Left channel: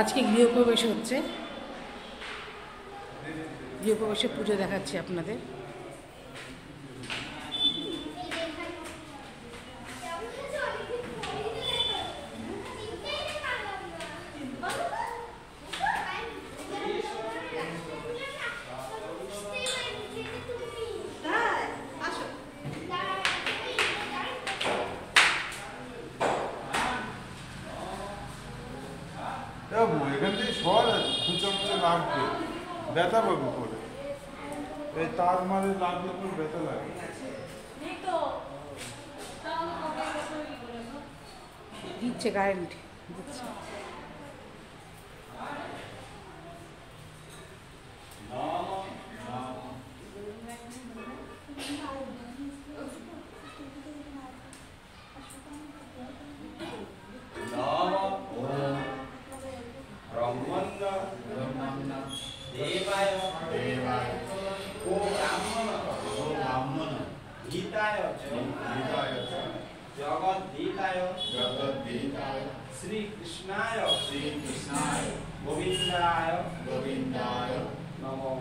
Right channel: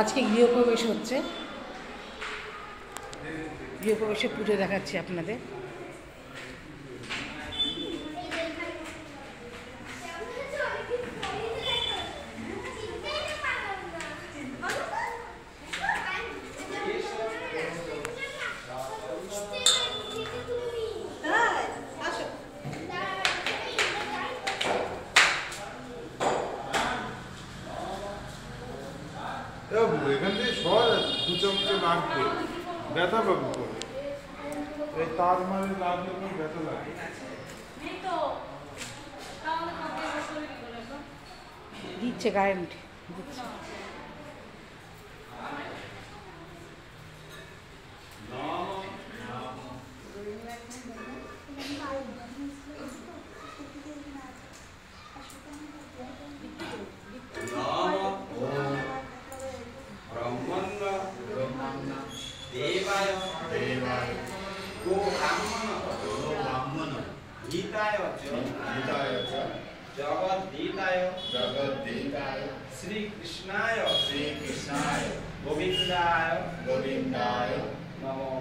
আজকে গৃহপ্রবেশ হচ্ছে, গৃহপ্রবেশের পুজো দেখাচ্ছি আপনাদের। এখান থেকে সর কুচামুচে লাগবে, ব্যথা পাবো করে। এই তার মানে লাগলে কোনো ব্যথা লাগে। দিচ্ছে কারেন্ট দিচ্ছে। श्री कृष्णाय गोविंदाय नमो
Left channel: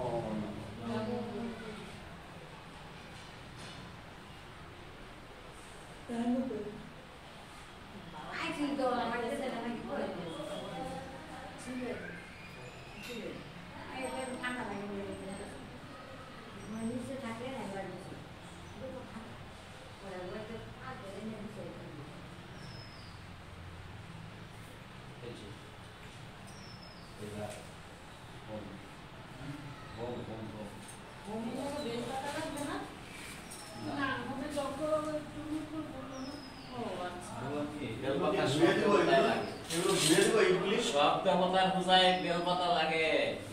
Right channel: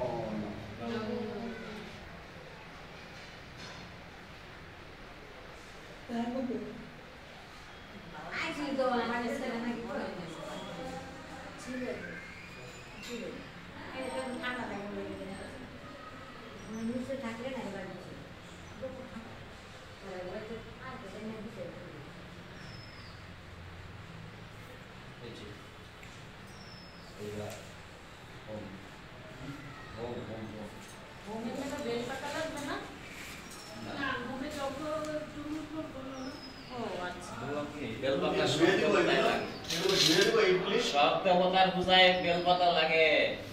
সব দেবতার পূজায় বেলপাতা লাগে,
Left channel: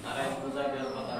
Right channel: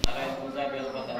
আর পূজায় বেলপাতা